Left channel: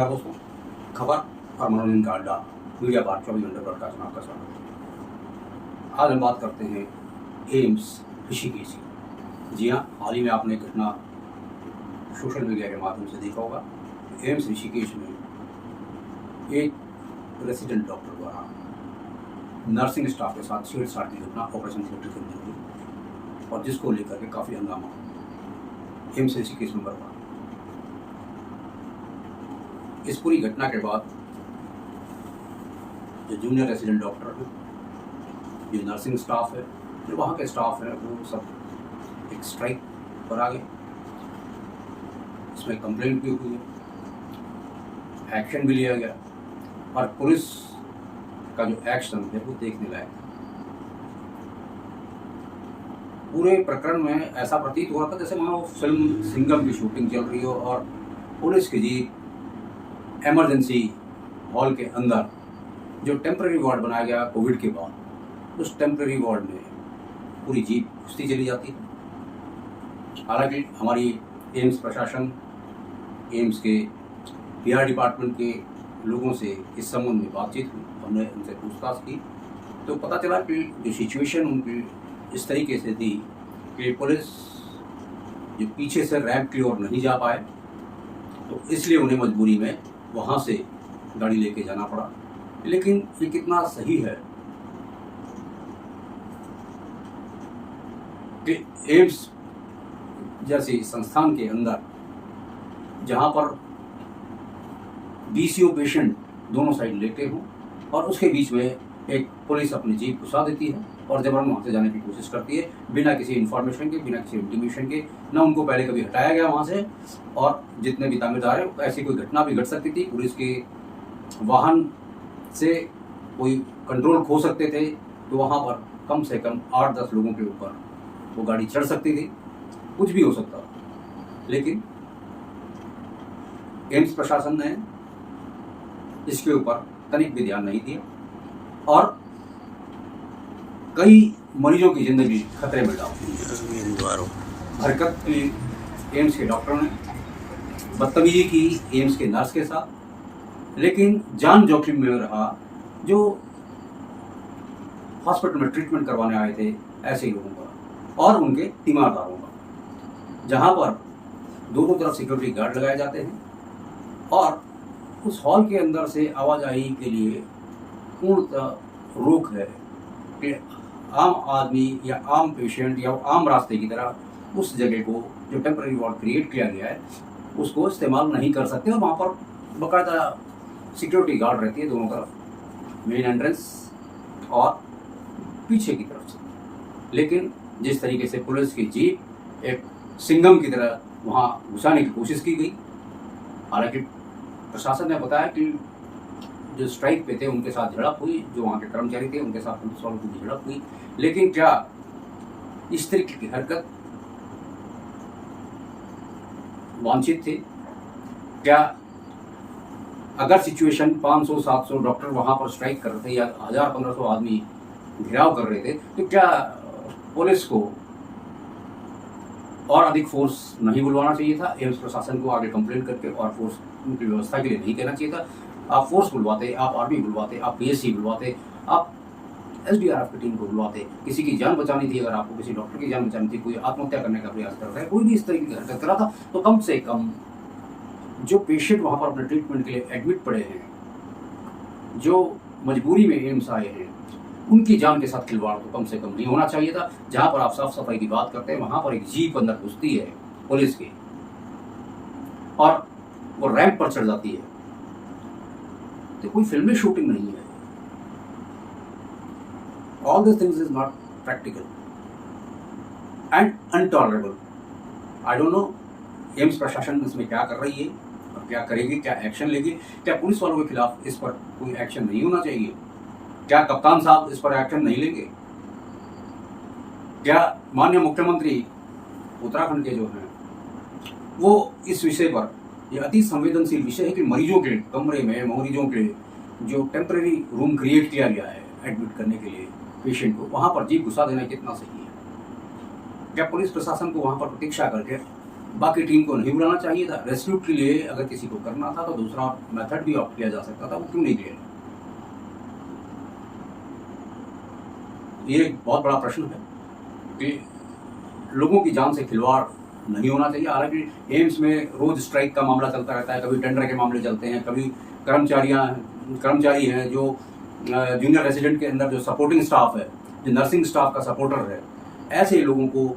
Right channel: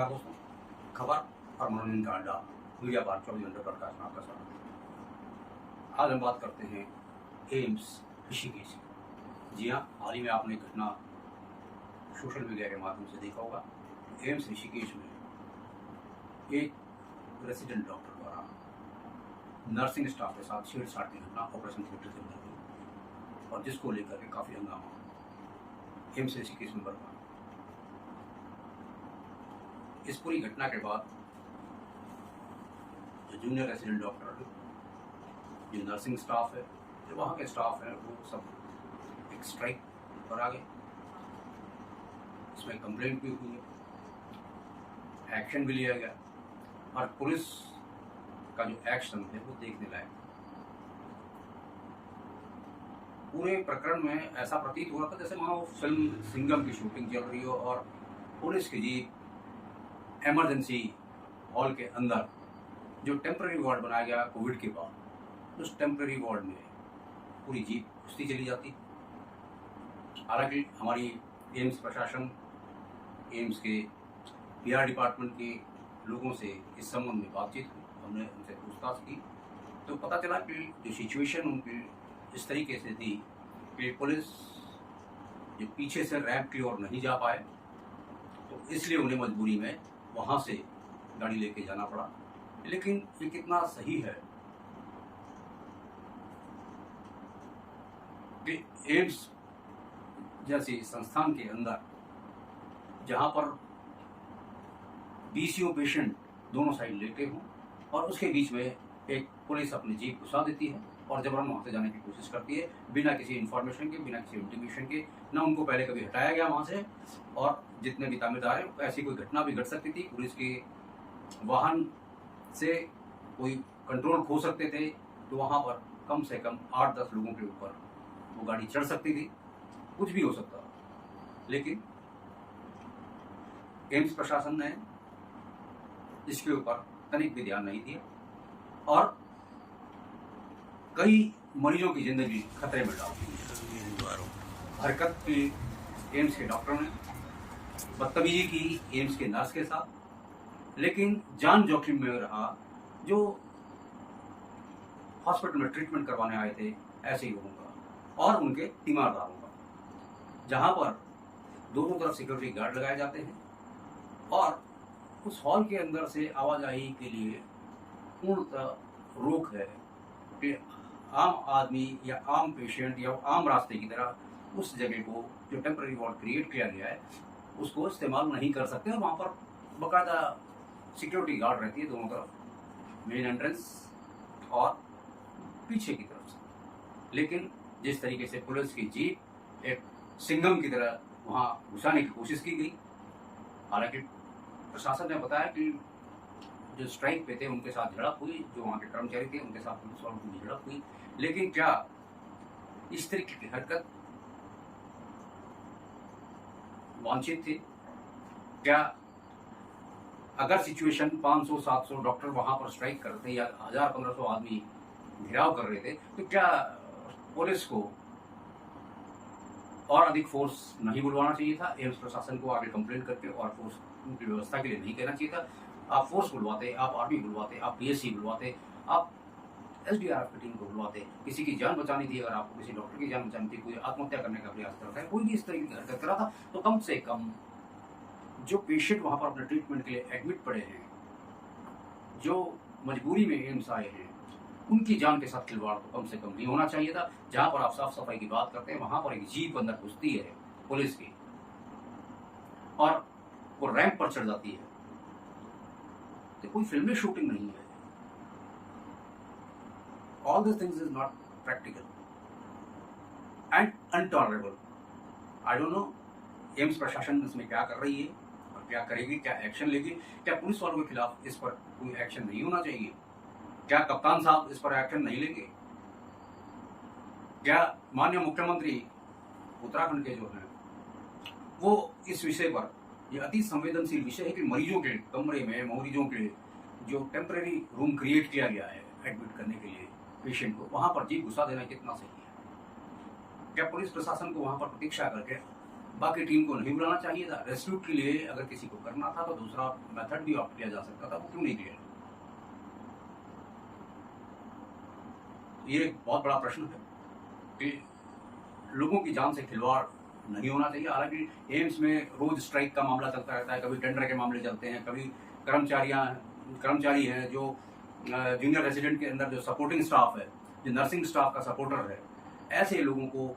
नमस्कार दोस्तों, खबर और मनोरंजन का अड्डा मीडिया पार्क 24 घंटे ब्रॉडकास्ट में आपका स्वागत है। आज हम बात करते हैं एम्स ऋषिकेश की। जी हाँ, हाल ही में आपने एक घटना सोशल मीडिया के माध्यम से देखा होगा। एम्स ऋषिकेश में एक रेसिडेंट डॉक्टर द्वारा नर्सिंग स्टाफ के साथ छेड़छाड़ की घटना ऑपरेशन थिएटर के अंदर हुई और जिसको लेकर के काफ़ी हंगामा एम्स ऋषिकेश में बरपा। इस पूरी घटना के बाद जो जूनियर रेसिडेंट डॉक्टर है, जो नर्सिंग स्टाफ है, जो वहाँ के स्टाफ है, वो सब एक स्ट्राइक पर आ गए। इसमें कंप्लेंट भी हुई है, एक्शन भी लिया गया और पुलिस का जो एक्शन है वो देखने लायक। पूरे प्रकरण में ऐसा प्रतीत हो रहा था जैसे मानो फिल्म सिंघम की शूटिंग चल रही हो और पुलिस की जीप इमरजेंसी हॉल के अंदर जो टेम्पररी वार्ड बनाया गया कोविड के बाद, उस टेम्पररी वार्ड में पूरी जीप घुसती चली जाती है। हालांकि हमारी एम्स प्रशासन, एम्स के पीआर डिपार्टमेंट के लोगों से इस संबंध में बातचीत हुई, हमने उनसे पूछताछ की तो पता चला कि जो सिचुएशन उनकी इस तरीके से थी कि पुलिस जो पीछे से रैंप की ओर नहीं जा पाए, तो इसलिए उन्हें मजबूरी में वहाँ से गाड़ी लेके जाना पड़ा। लेकिन ये कितना सही है कि एम्स जैसे संस्थान के अंदर जहाँ पर बीसीओ पेशेंट दोनों साइड लेटे हों और उसके बीच में एक पुलिस अपनी जीप घुसा देती है और जबरन वहाँ से जाने की कोशिश करती है बिना किसी इन्फॉर्मेशन के, बिना किसी इंटीमेशन के। ना उनको पहले कभी हटाया गया वहाँ से, और जितने भी तामेदार हैं ऐसी कोई घटना भी घट सकती थी, पुलिस के वाहन से कोई कंट्रोल खो सकते थे, तो वहाँ पर कम से कम 8-10 लोगों के ऊपर वो गाड़ी चढ़ सकती थी, कुछ भी हो सकता। लेकिन एम्स प्रशासन ने इसके ऊपर तनिक भी ध्यान नहीं दिया और कई मरीजों की जिंदगी खतरे में डाल दी। हरकत की एम्स के डॉक्टर ने, बदतमीजी की एम्स के नर्स के साथ, लेकिन जान जोखिम में रहा जो हॉस्पिटल में ट्रीटमेंट करवाने आए थे ऐसे ही लोगों का और उनके तीमारदारों का, जहां पर दोनों तरफ सिक्योरिटी गार्ड लगाए जाते हैं और उस हॉल के अंदर से आवाजाही के लिए पूर्णतः रोक है कि आम आदमी या आम पेशेंट या आम रास्ते की तरह उस जगह को जो टेम्पररी वार्ड क्रिएट किया गया है उसको इस्तेमाल नहीं कर सकते। और वहाँ पर बाकायदा सिक्योरिटी गार्ड रहती है दोनों तरफ, मेन एंट्रेंस और पीछे की तरफ से। लेकिन जिस तरीके से पुलिस की जीप एक सिंघम की तरह वहाँ घुसाने की कोशिश की गई, हालांकि प्रशासन ने बताया कि जो स्ट्राइक पे थे उनके साथ झड़प हुई, जो वहाँ के कर्मचारी थे उनके साथ पुलिस वालों की झड़प हुई। लेकिन क्या इस तरीके की हरकत वांछित थी? क्या अगर सिचुएशन 500-700 डॉक्टर वहाँ पर स्ट्राइक कर रहे थे या 1000-1500 आदमी घेराव कर रहे थे, तो क्या पुलिस को और अधिक फोर्स नहीं बुलवाना चाहिए था? एम्स प्रशासन को आगे कंप्लेंट करके और फोर्स उनकी व्यवस्था के लिए नहीं कहना चाहिए था? आप फोर्स बुलवाते, आप आर्मी बुलवाते, आप पीएससी बुलवाते, आप एसडीआरएफ की टीम को बुलवाते। किसी की जान बचानी थी, अगर आपको किसी डॉक्टर की जान बचानी थी, कोई आत्महत्या करने का प्रयास कर रहा है, कोई भी इस तरीके की हरकत कर रहा था, तो कम से कम जो पेशेंट वहाँ पर अपने ट्रीटमेंट के लिए एडमिट पड़े हैं, जो मजबूरी में एम्स आए हैं, उनकी जान के साथ खिलवाड़ तो कम से कम नहीं होना चाहिए था। जहाँ पर आप साफ सफाई की बात करते हैं वहाँ पर एक जीप अंदर घुसती है पुलिस की और वो रैंप पर चढ़ जाती है, तो कोई फिल्मी शूटिंग नहीं है। All these things is not practical and intolerable. I don't know AIIMS प्रशासन इसमें क्या कर रही है और क्या करेगी, क्या एक्शन लेगी? क्या पुलिस वालों के खिलाफ इस पर कोई एक्शन नहीं होना चाहिए? क्या कप्तान साहब इस पर एक्शन नहीं लेंगे? क्या माननीय मुख्यमंत्री उत्तराखंड के जो हैं वो इस विषय पर, यह अति संवेदनशील विषय है कि मरीजों के कमरे में, मरीजों के जो टेम्पररी रूम क्रिएट किया गया है एडमिट करने के लिए पेशेंट को, वहाँ पर जीप घुसा देना कितना सही है? क्या पुलिस प्रशासन को वहाँ पर प्रतीक्षा करके बाकी टीम को नहीं बुलाना चाहिए था। रेस्क्यू के लिए अगर किसी को करना था तो दूसरा मेथड भी ऑप्ट किया जा सकता था, वो क्यों नहीं किया? ये एक बहुत बड़ा प्रश्न है कि लोगों की जान से खिलवाड़ नहीं होना चाहिए। हालांकि एम्स में रोज स्ट्राइक का मामला चलता रहता है, कभी टेंडर के मामले चलते हैं, कभी कर्मचारी हैं जो जूनियर रेजिडेंट के अंदर जो सपोर्टिंग स्टाफ है, जो नर्सिंग स्टाफ का सपोर्टर है, ऐसे लोगों को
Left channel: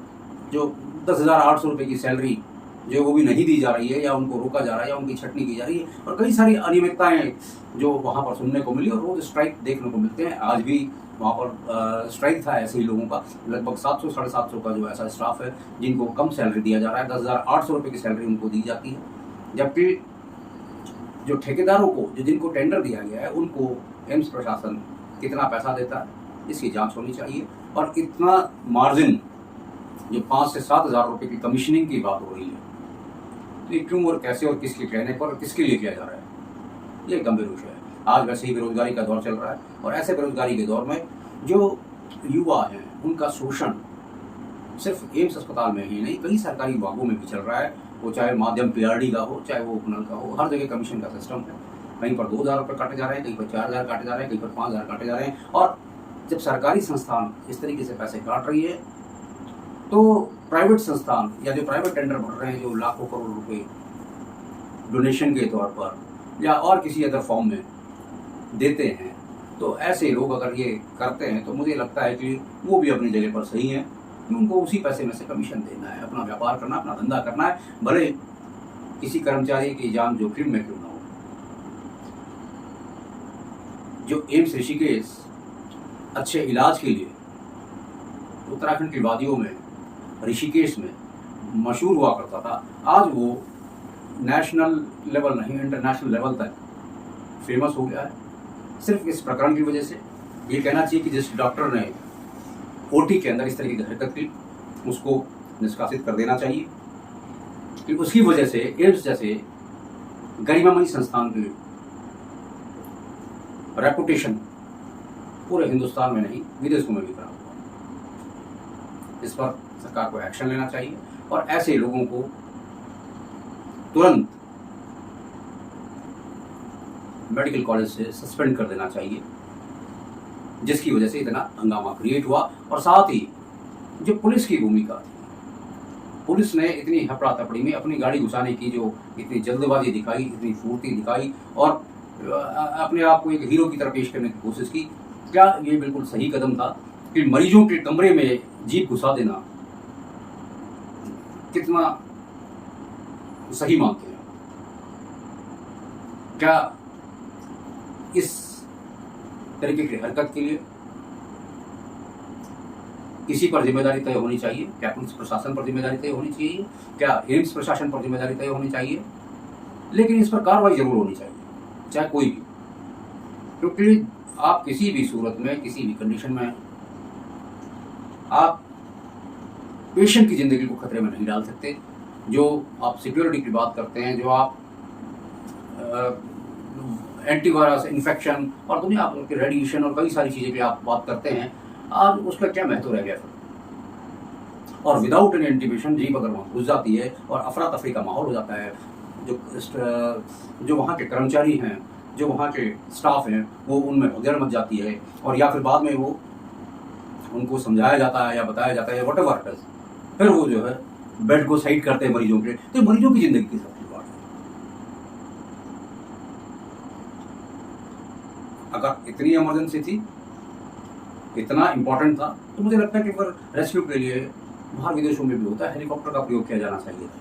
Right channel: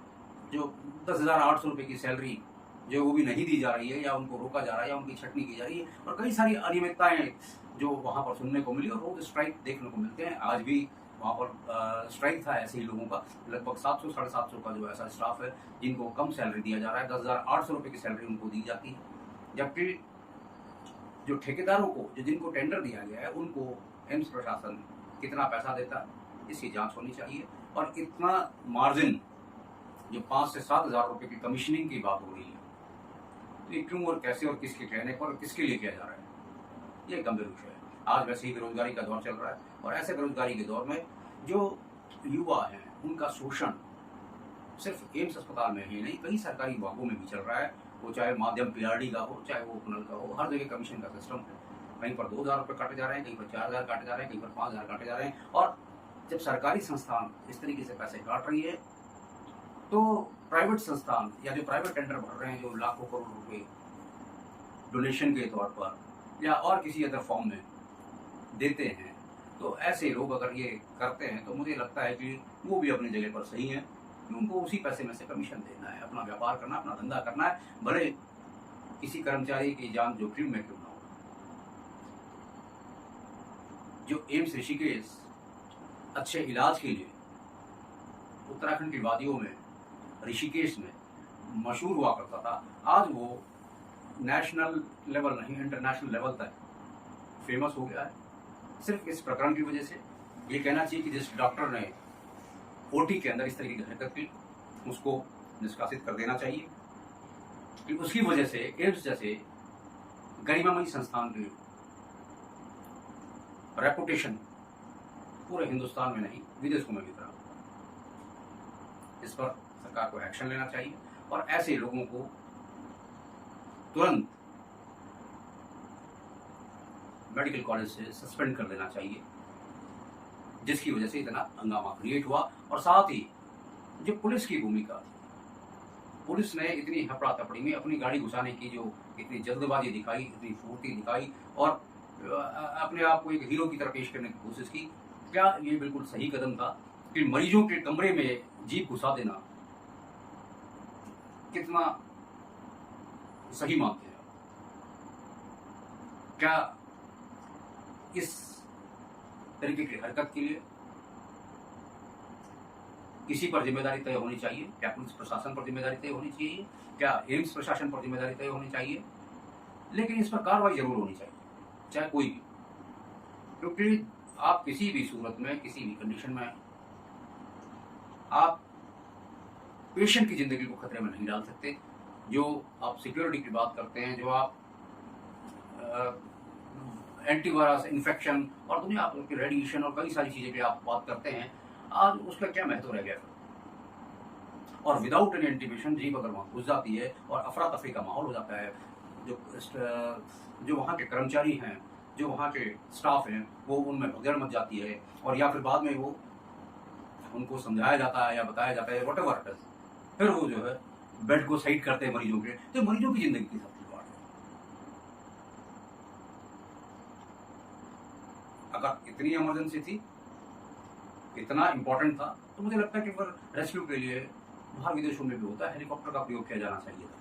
जो 10,800 रुपये की सैलरी जो वो भी नहीं दी जा रही है, या उनको रोका जा रहा है, या उनकी छटनी की जा रही है, और कई सारी अनियमितताएं जो वहाँ पर सुनने को मिली और रोज स्ट्राइक देखने को मिलते हैं। आज भी वहाँ पर स्ट्राइक था ऐसे ही लोगों का, लगभग 700 साढ़े 700 का जो ऐसा स्टाफ है जिनको कम सैलरी दिया जा रहा है, 10,800 रुपये की सैलरी उनको दी जाती है, जबकि जो ठेकेदारों को, जो जिनको टेंडर दिया गया है, उनको एम्स प्रशासन कितना पैसा देता है इसकी जांच होनी चाहिए। और इतना मार्जिन जो 5 से 7 हज़ार रुपये की कमीशनिंग की बात हो रही है, तो ये क्यों और कैसे और किसके कहने पर किसके लिए किया जा रहा है, ये गंभीर विषय है। आज वैसे ही बेरोजगारी का दौर चल रहा है, और ऐसे बेरोजगारी के दौर में जो युवा हैं उनका शोषण सिर्फ एम्स अस्पताल में ही नहीं, कई सरकारी विभागों में भी चल रहा है। वो चाहे माध्यम पीआरडी का हो, चाहे वो उपनल का हो, हर जगह कमीशन का सिस्टम है। कहीं पर 2,000 रुपये काटे जा रहे हैं, कहीं पर 4,000 काटे जा रहे हैं, कहीं पर 5,000 काटे जा रहे हैं। और जब सरकारी संस्थान इस तरीके से पैसे काट रही है, तो प्राइवेट संस्थान या जो प्राइवेट टेंडर भर रहे हैं, जो लाखों करोड़ रुपए डोनेशन के तौर पर या और किसी अदर फॉर्म में देते हैं, तो ऐसे लोग अगर ये करते हैं तो मुझे लगता है कि वो भी अपनी जगह पर सही है कि उनको उसी पैसे में से कमीशन देना है, अपना व्यापार करना, अपना धंधा करना है, भले किसी कर्मचारी की जान जोखिम में क्यों ना हो। जो एम्स ऋषिकेश अच्छे इलाज के लिए उत्तराखंड की वादियों में, ऋषिकेश में मशहूर हुआ करता था, आज वो नेशनल लेवल नहीं, इंटरनेशनल लेवल तक फेमस हो गया है सिर्फ इस प्रकरण की वजह से। ये कहना चाहिए कि जिस डॉक्टर ने ओटी के अंदर इस तरीके की हरकत की, उसको निष्कासित कर देना चाहिए, कि उसकी वजह से एम्स जैसे गरिमामयी संस्थान की रेपुटेशन पूरे हिंदुस्तान में नहीं, विदेशों में भी खराब हुआ। इस पर सरकार को एक्शन लेना चाहिए और ऐसे लोगों को तुरंत मेडिकल कॉलेज से सस्पेंड कर देना चाहिए, जिसकी वजह से इतना हंगामा क्रिएट हुआ। और साथ ही जो पुलिस की भूमिका थी, पुलिस ने इतनी हपड़ा तपड़ी में अपनी गाड़ी घुसाने की जो इतनी जल्दबाजी दिखाई, इतनी फुर्ती दिखाई और अपने आप को एक हीरो की तरह पेश करने की कोशिश की, क्या ये बिल्कुल सही कदम था कि मरीजों के कमरे में जीप घुसा देना कितना सही मानते हैं? क्या इस तरीके की हरकत के लिए किसी पर जिम्मेदारी तय होनी चाहिए? क्या पुलिस प्रशासन पर जिम्मेदारी तय होनी चाहिए? क्या एम्स प्रशासन पर जिम्मेदारी तय होनी चाहिए? लेकिन इस पर कार्रवाई जरूर होनी चाहिए, चाहे कोई भी, क्योंकि आप किसी भी सूरत में, किसी भी कंडीशन में आप पेशेंट की जिंदगी को खतरे में नहीं डाल सकते। जो आप सिक्योरिटी की बात करते हैं, जो आप एंटीवायरस, इन्फेक्शन और दुनिया भर के रेडिएशन और कई सारी चीज़ें की आप बात करते हैं, आज उसका क्या महत्व रह गया फिर? और विदाउट एनी इंटीमेशन जीप अगर वहाँ घुस जाती है और अफरा तफरी का माहौल हो जाता है, जो वहाँ के कर्मचारी हैं, जो वहाँ के स्टाफ हैं, वो उनमें भगदड़ मच जाती है, और या फिर बाद में वो उनको समझाया जाता है या बताया जाता है व्हाटएवर इट इज, फिर वो जो है बेड को साइड करते हैं मरीजों के, तो मरीजों की जिंदगी की सबकी बात है। अगर इतनी इमरजेंसी थी, इतना इंपॉर्टेंट था, तो मुझे लगता है कि फिर रेस्क्यू के लिए बाहर विदेशों में भी होता है, हेलीकॉप्टर का प्रयोग किया जाना चाहिए था,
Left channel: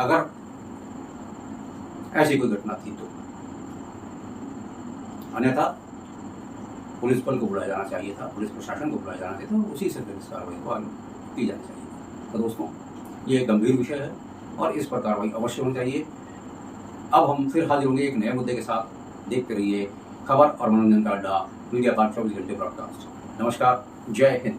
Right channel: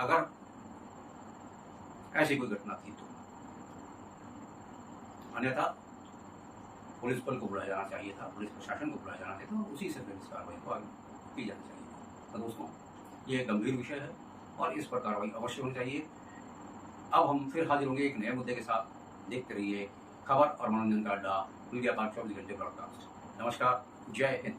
अगर ऐसी कोई घटना थी तो। अन्यथा पुलिस बल को बुलाया जाना चाहिए था, पुलिस प्रशासन को बुलाया जाना चाहिए था, उसी से फिर इस कार्रवाई को आगे की जानी चाहिए। तो दोस्तों, ये एक गंभीर विषय है और इस पर कार्रवाई अवश्य होनी चाहिए। अब हम फिर हाजिर होंगे एक नए मुद्दे के साथ। देखते रहिए खबर और मनोरंजन का अड्डा, मीडिया पार्क 24 घंटे ब्रॉडकास्ट। नमस्कार, जय हिंद।